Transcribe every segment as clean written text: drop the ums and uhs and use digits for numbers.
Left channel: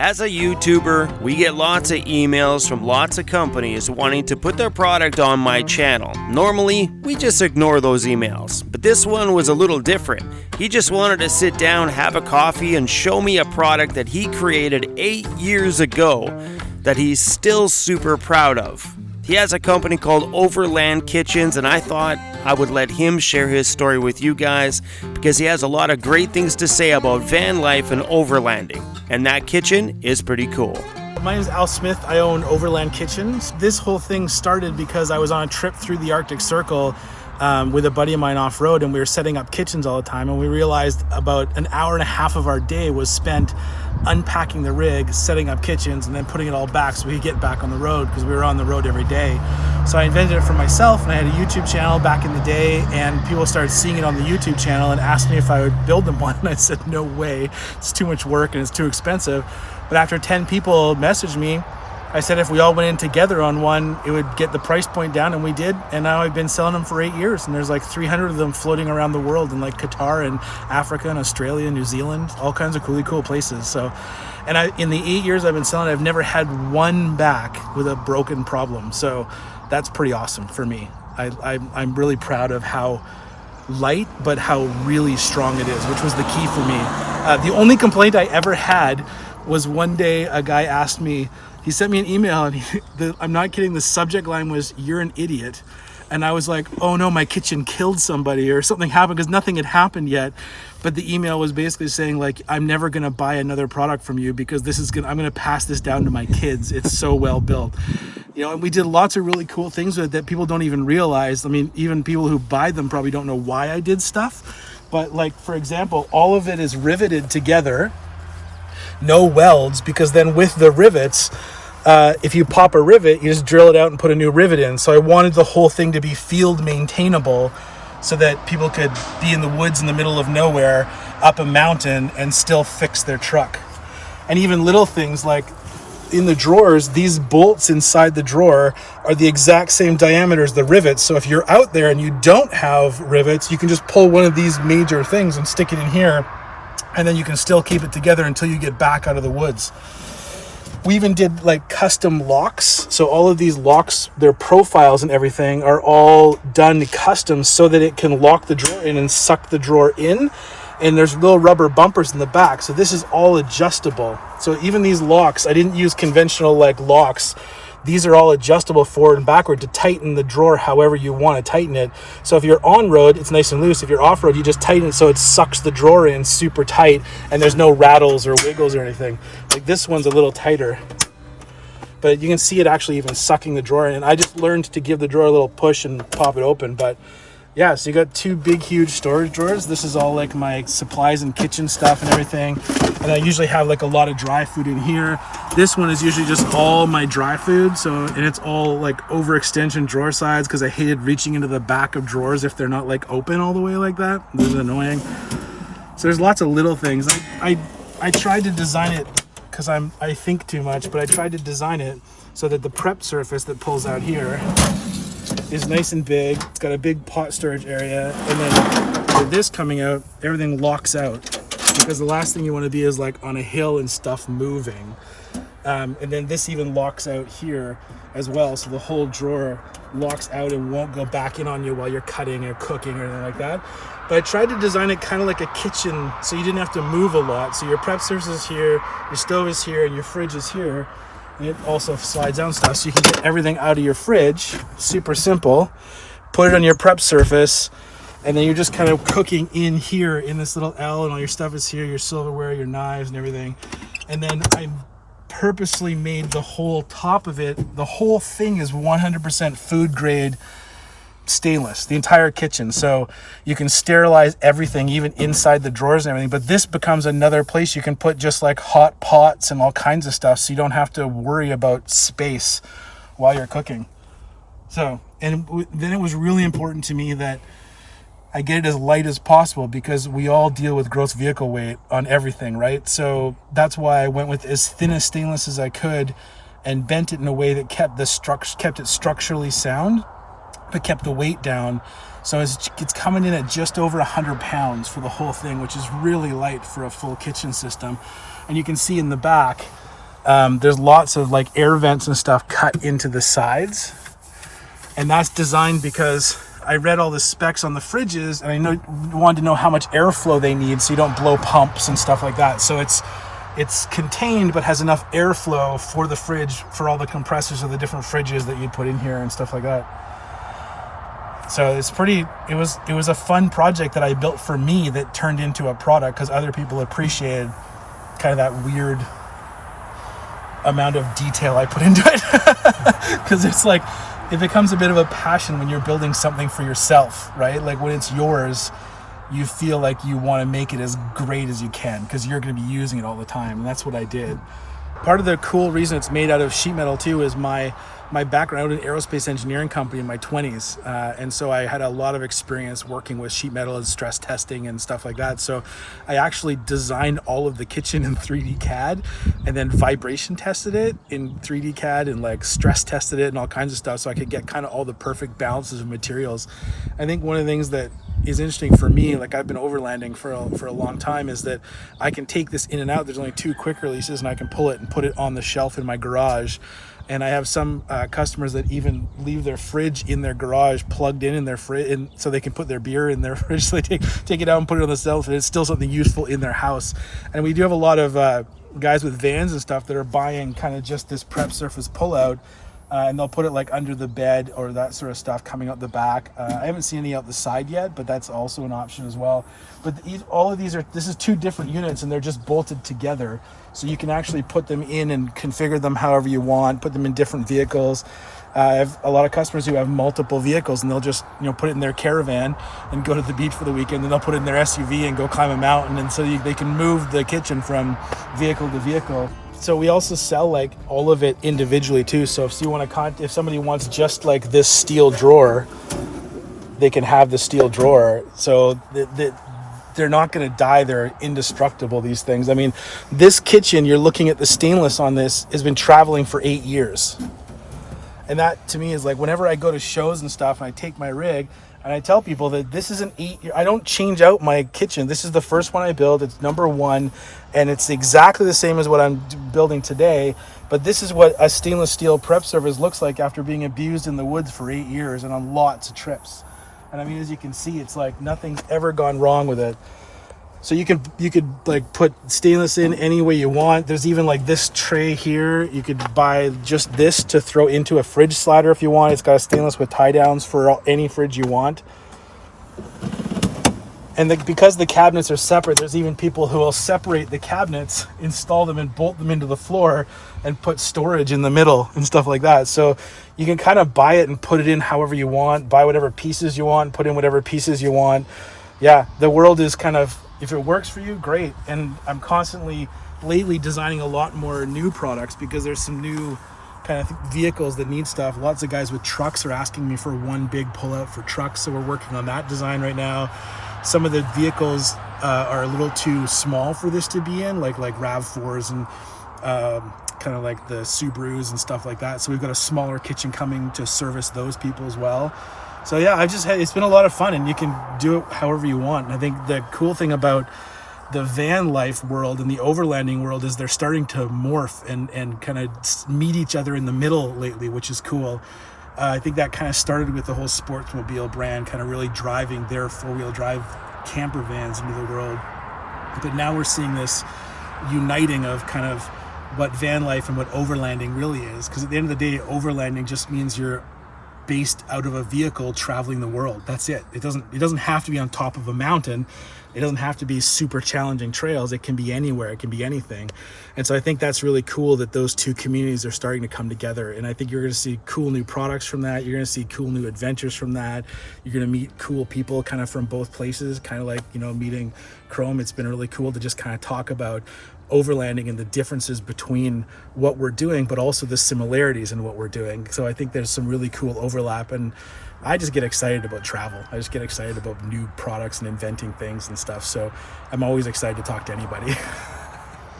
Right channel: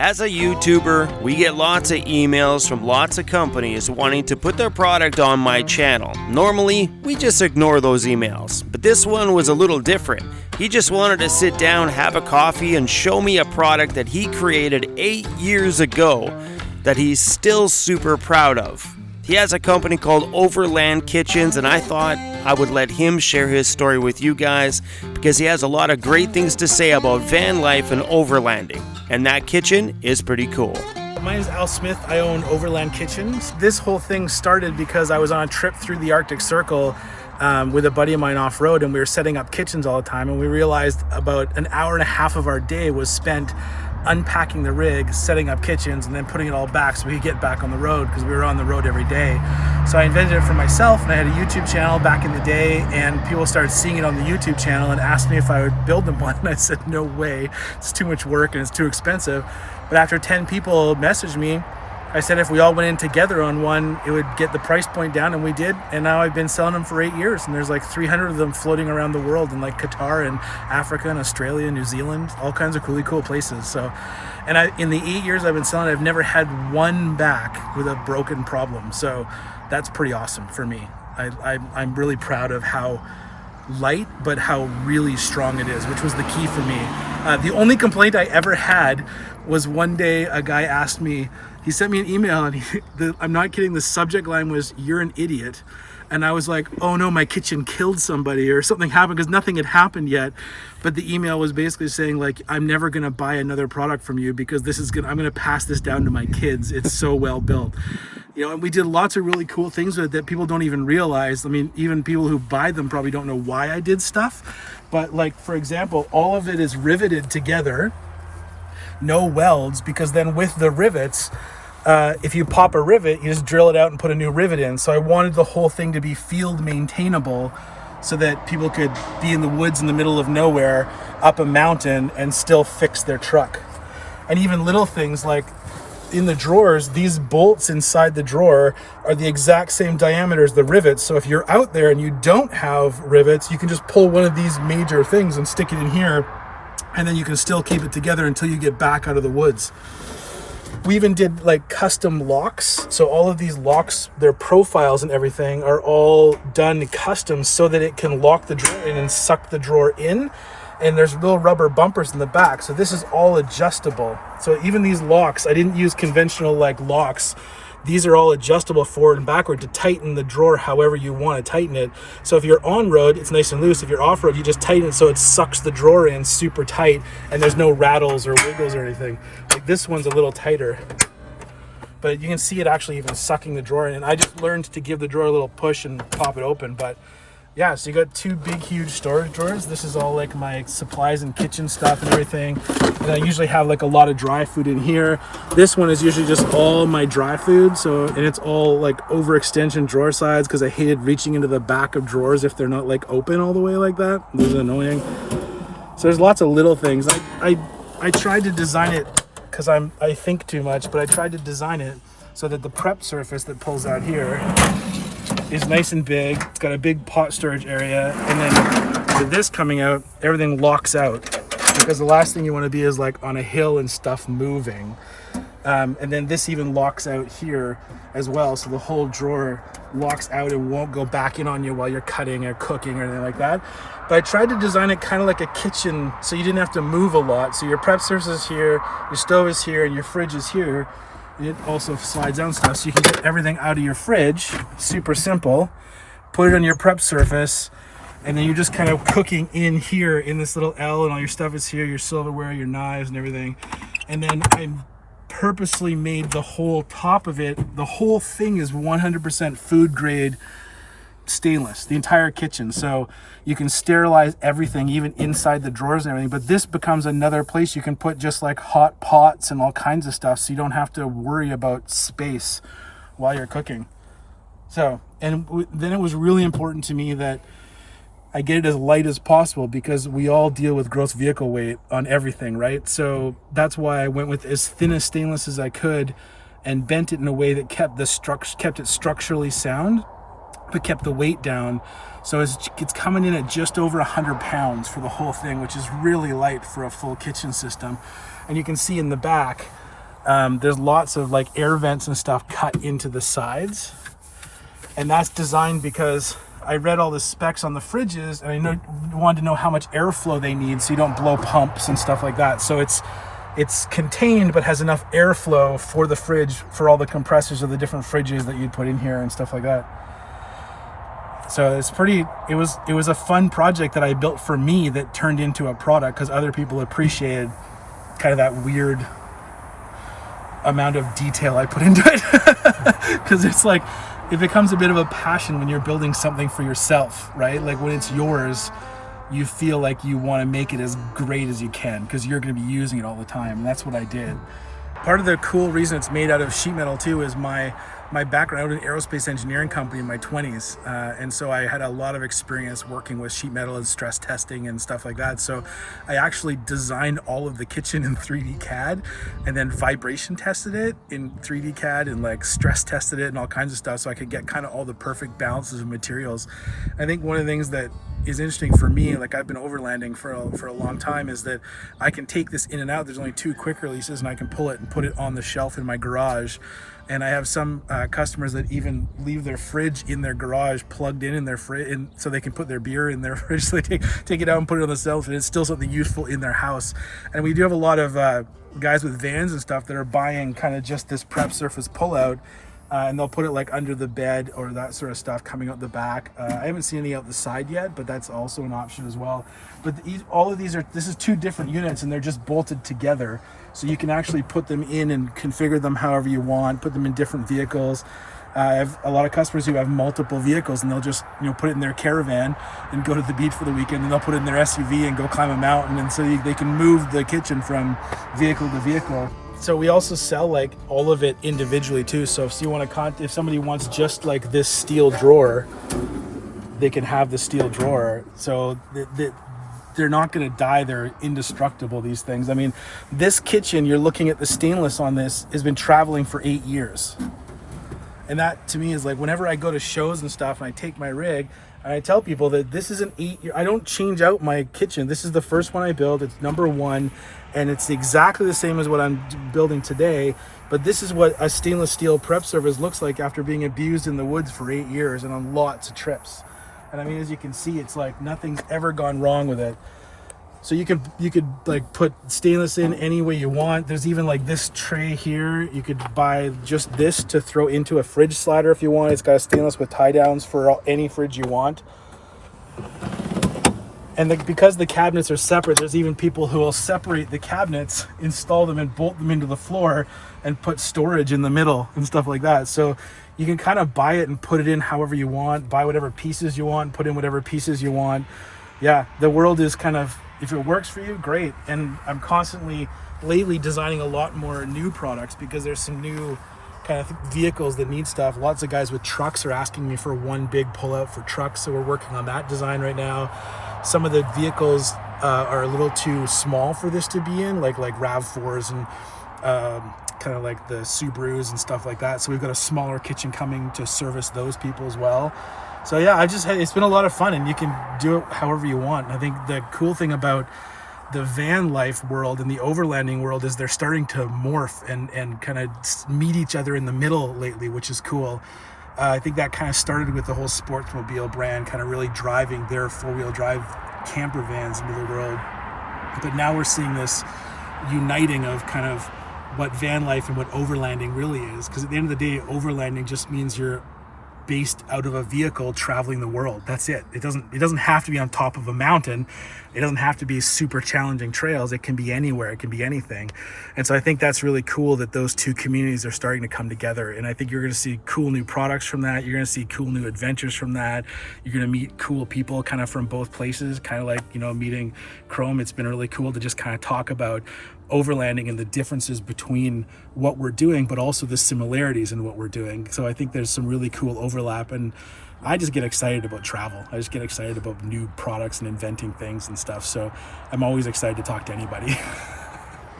As a YouTuber, we get lots of emails from lots of companies wanting to put their product on my channel. Normally, we just ignore those emails, but this one was a little different. He just wanted to sit down, have a coffee, and show me a product that he created 8 years ago that he's still super proud of. He has a company called Overland Kitchens, and I thought I would let him share his story with you guys because he has a lot of great things to say about van life and overlanding. And that kitchen is pretty cool. My name is Al Smith. I own Overland Kitchens. This whole thing started because I was on a trip through the Arctic Circle with a buddy of mine off-road, and we were setting up kitchens all the time, and we realized about an hour and a half of our day was spent unpacking the rig, setting up kitchens, and then putting it all back so we could get back on the road because we were on the road every day. So I invented it for myself, and I had a YouTube channel back in the day, and people started seeing it on the YouTube channel and asked me if I would build them one, and I said no way, it's too much work and it's too expensive. But after 10 people messaged me, I said if we all went in together on one, it would get the price point down, and we did. And now I've been selling them for 8 years, and there's like 300 of them floating around the world in like Qatar and Africa and Australia and New Zealand, all kinds of really cool places. So, and in the 8 years I've been selling, I've never had one back with a broken problem. So that's pretty awesome for me. I'm really proud of how light, but how really strong it is, which was the key for me. The only complaint I ever had was one day a guy asked me, he sent me an email, and I'm not kidding, the subject line was, "You're an idiot." And I was like, oh no, my kitchen killed somebody or something happened, because nothing had happened yet. But the email was basically saying like, I'm never going to buy another product from you because I'm going to pass this down to my kids. It's so well built. You know, and we did lots of really cool things with it that people don't even realize. I mean, even people who buy them probably don't know why I did stuff. But like, for example, all of it is riveted together. No welds, because then with the rivets, if you pop a rivet, you just drill it out and put a new rivet in. So I wanted the whole thing to be field maintainable so that people could be in the woods in the middle of nowhere up a mountain and still fix their truck. And even little things like in the drawers, these bolts inside the drawer are the exact same diameter as the rivets. So if you're out there and you don't have rivets, you can just pull one of these major things and stick it in here, and then you can still keep it together until you get back out of the woods. We even did like custom locks. So all of these locks, their profiles and everything are all done custom so that it can lock the drawer in and suck the drawer in. And there's little rubber bumpers in the back. So this is all adjustable. So even these locks, I didn't use conventional like locks. These are all adjustable forward and backward to tighten the drawer however you want to tighten it. So if you're on road, it's nice and loose. If you're off road, you just tighten it so it sucks the drawer in super tight and there's no rattles or wiggles or anything. Like this one's a little tighter, but you can see it actually even sucking the drawer in. And I just learned to give the drawer a little push and pop it open. But yeah, so you got two big, huge storage drawers. This is all like my supplies and kitchen stuff and everything. And I usually have like a lot of dry food in here. This one is usually just all my dry food. So, and it's all like overextension drawer sides because I hated reaching into the back of drawers if they're not like open all the way like that. This is annoying. So there's lots of little things. I tried to design it because I think too much, but I tried to design it so that the prep surface that pulls out here is nice and big. It's got a big pot storage area, and then with this coming out, everything locks out because the last thing you want to be is like on a hill and stuff moving. And then this even locks out here as well, so the whole drawer locks out and won't go back in on you while you're cutting or cooking or anything like that. But I tried to design it kind of like a kitchen so you didn't have to move a lot. So your prep surface is here, your stove is here, and your fridge is here. It also slides down stuff so you can get everything out of your fridge. Super simple. Put it on your prep surface, and then you're just kind of cooking in here in this little L, and all your stuff is here, your silverware, your knives and everything. And then I purposely made the whole top of it, the whole thing is 100% food grade stainless, the entire kitchen. So you can sterilize everything, even inside the drawers and everything. But this becomes another place you can put just like hot pots and all kinds of stuff, so you don't have to worry about space while you're cooking. So, and then it was really important to me that I get it as light as possible because we all deal with gross vehicle weight on everything, right? So that's why I went with as thin a stainless as I could and bent it in a way that kept it structurally sound, but kept the weight down. So it's coming in at just over 100 pounds for the whole thing, which is really light for a full kitchen system. And you can see in the back, There's lots of like air vents and stuff cut into the sides, and that's designed because I read all the specs on the fridges, and I wanted to know how much airflow they need so you don't blow pumps and stuff like that. So it's contained but has enough airflow for the fridge, for all the compressors of the different fridges that you'd put in here and stuff like that. So it was a fun project that I built for me that turned into a product because other people appreciated kind of that weird amount of detail I put into it. Because it's like, it becomes a bit of a passion when you're building something for yourself, right? Like when it's yours, you feel like you want to make it as great as you can because you're going to be using it all the time. And that's what I did. Part of the cool reason it's made out of sheet metal too is my background. I was in an aerospace engineering company in my 20s. And so I had a lot of experience working with sheet metal and stress testing and stuff like that. So I actually designed all of the kitchen in 3D CAD and then vibration tested it in 3D CAD and like stress tested it and all kinds of stuff so I could get kind of all the perfect balances of materials. I think one of the things that is interesting for me, like I've been overlanding for a long time, is that I can take this in and out. There's only 2 quick releases and I can pull it and put it on the shelf in my garage. And I have some customers that even leave their fridge in their garage plugged in their fridge, so they can put their beer in their fridge. So they take it out and put it on the shelf, and it's still something useful in their house. And we do have a lot of guys with vans and stuff that are buying kind of just this prep surface pullout, and they'll put it like under the bed or that sort of stuff coming out the back. I haven't seen any out the side yet, but that's also an option as well. But all of these this is 2 different units, and they're just bolted together. So you can actually put them in and configure them however you want, put them in different vehicles. I have a lot of customers who have multiple vehicles, and they'll just put it in their caravan and go to the beach for the weekend, and they'll put it in their SUV and go climb a mountain, and so they can move the kitchen from vehicle to vehicle. So we also sell like all of it individually too. So if somebody wants just like this steel drawer, they can have the steel drawer. So they're not going to die. They're indestructible, these things. I mean, this kitchen, you're looking at the stainless on this, has been traveling for 8 years. And that to me is like, whenever I go to shows and stuff and I take my rig and I tell people that this is an 8-year, I don't change out my kitchen. This is the first one I built. It's number 1, and it's exactly the same as what I'm building today. But this is what a stainless steel prep surface looks like after being abused in the woods for 8 years and on lots of trips. And I mean, as you can see, it's like nothing's ever gone wrong with it. So you could like put stainless in any way you want. There's even like this tray here. You could buy just this to throw into a fridge slider if you want. It's got a stainless with tie downs for any fridge you want. And because the cabinets are separate, there's even people who will separate the cabinets, install them and bolt them into the floor and put storage in the middle and stuff like that. So you can kind of buy it and put it in however you want, buy whatever pieces you want, put in whatever pieces you want. Yeah, the world is kind of, if it works for you, great. And I'm constantly lately designing a lot more new products because there's some new kind of vehicles that need stuff. Lots of guys with trucks are asking me for one big pullout for trucks. So we're working on that design right now. Some of the vehicles are a little too small for this to be in, like RAV4s and kind of like the Subarus and stuff like that. So we've got a smaller kitchen coming to service those people as well. So yeah, it's been a lot of fun, and you can do it however you want. And I think the cool thing about the van life world and the overlanding world is they're starting to morph and kind of meet each other in the middle lately, which is cool. I think that kind of started with the whole Sportsmobile brand kind of really driving their 4-wheel drive camper vans into the world. But now we're seeing this uniting of kind of what van life and what overlanding really is. Because at the end of the day, overlanding just means you're based out of a vehicle traveling the world. That's it. It doesn't have to be on top of a mountain. It doesn't have to be super challenging trails. It can be anywhere. It can be anything. And so I think that's really cool that those two communities are starting to come together. And I think you're going to see cool new products from that. You're going to see cool new adventures from that. You're going to meet cool people kind of from both places, kind of like, meeting Chrome. It's been really cool to just kind of talk about overlanding and the differences between what we're doing, but also the similarities in what we're doing. So I think there's some really cool overlap, and I just get excited about travel. I just get excited about new products and inventing things and stuff. So I'm always excited to talk to anybody.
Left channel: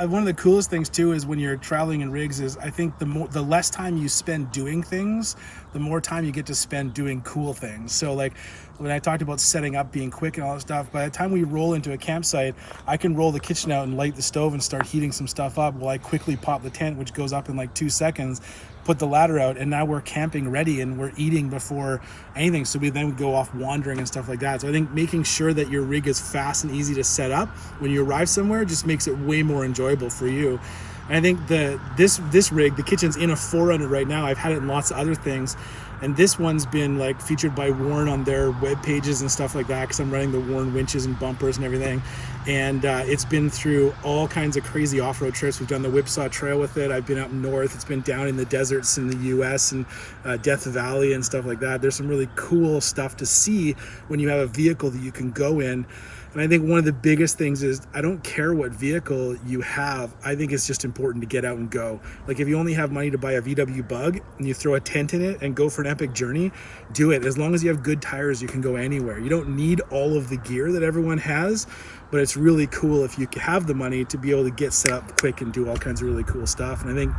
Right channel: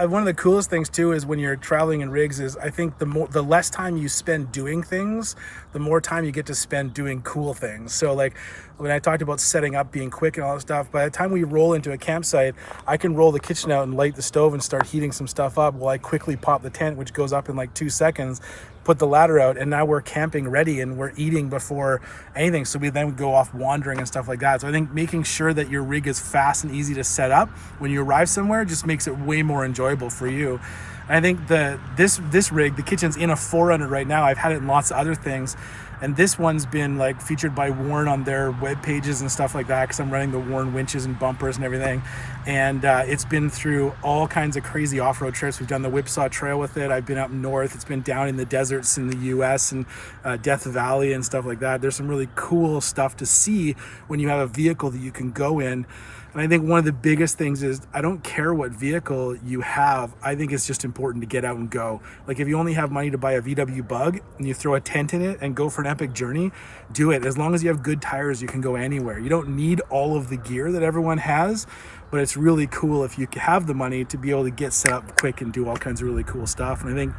One of the coolest things too is when you're traveling in rigs is I think the less time you spend doing things, the more time you get to spend doing cool things. So like when I talked about setting up being quick and all that stuff, by the time we roll into a campsite, I can roll the kitchen out and light the stove and start heating some stuff up while I quickly pop the tent, which goes up in like 2 seconds, put the ladder out, and now we're camping ready and we're eating before anything. So we then go off wandering and stuff like that. So I think making sure that your rig is fast and easy to set up when you arrive somewhere just makes it way more enjoyable for you. And I think this rig, the kitchen's in a 4Runner right now. I've had it in lots of other things, and this one's been like featured by Warren on their web pages and stuff like that, because I'm running the Warren winches and bumpers and everything. And it's been through all kinds of crazy off-road trips. We've done the Whipsaw Trail with it. I've been up north. It's been down in the deserts in the US and Death Valley and stuff like that. There's some really cool stuff to see when you have a vehicle that you can go in. And I think one of the biggest things is, I don't care what vehicle you have. I think it's just important to get out and go. Like, if you only have money to buy a VW Bug and you throw a tent in it and go for an epic journey, do it. As long as you have good tires, you can go anywhere. You don't need all of the gear that everyone has, but it's really cool if you have the money to be able to get set up quick and do all kinds of really cool stuff. And I think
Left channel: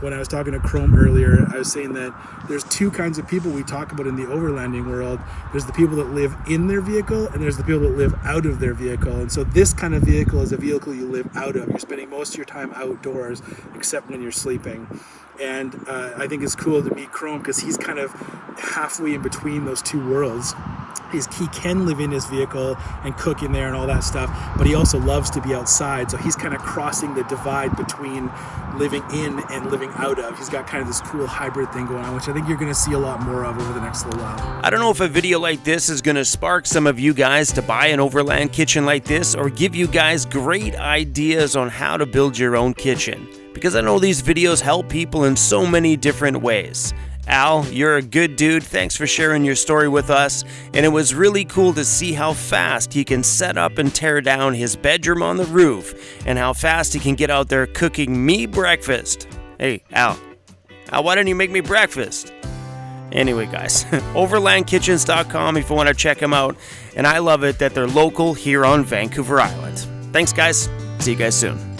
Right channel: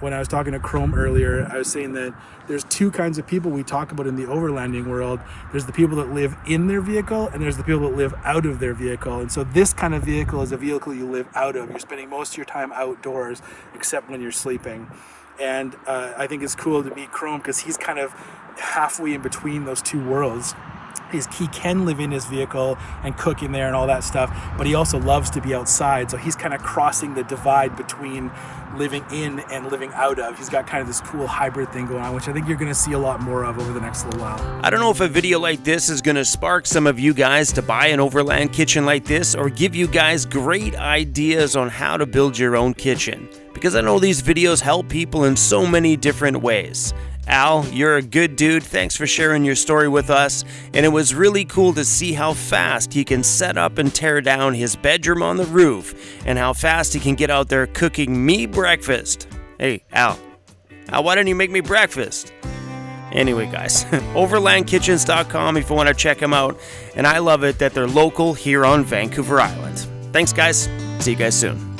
when I was talking to Chrome earlier, I was saying that there's two kinds of people we talk about in the overlanding world. There's the people that live in their vehicle, and there's the people that live out of their vehicle. And so this kind of vehicle is a vehicle you live out of. You're spending most of your time outdoors, except when you're sleeping. And I think it's cool to meet Chrome, because he's kind of halfway in between those two worlds. He can live in his vehicle and cook in there and all that stuff, but he also loves to be outside. So he's kind of crossing the divide between living in and living out of. He's got kind of this cool hybrid thing going on, which I think you're going to see a lot more of over the next little while. I don't know if a video like this is going to spark some of you guys to buy an Overland kitchen like this, or give you guys great ideas on how to build your own kitchen, because I know these videos help people in so many different ways. Al, you're a good dude. Thanks for sharing your story with us. And it was really cool to see how fast he can set up and tear down his bedroom on the roof, and how fast he can get out there cooking me breakfast. Hey, Al, why didn't you make me breakfast? Anyway, guys, overlandkitchens.com if you want to check them out. And I love it that they're local here on Vancouver Island. Thanks, guys. See you guys soon.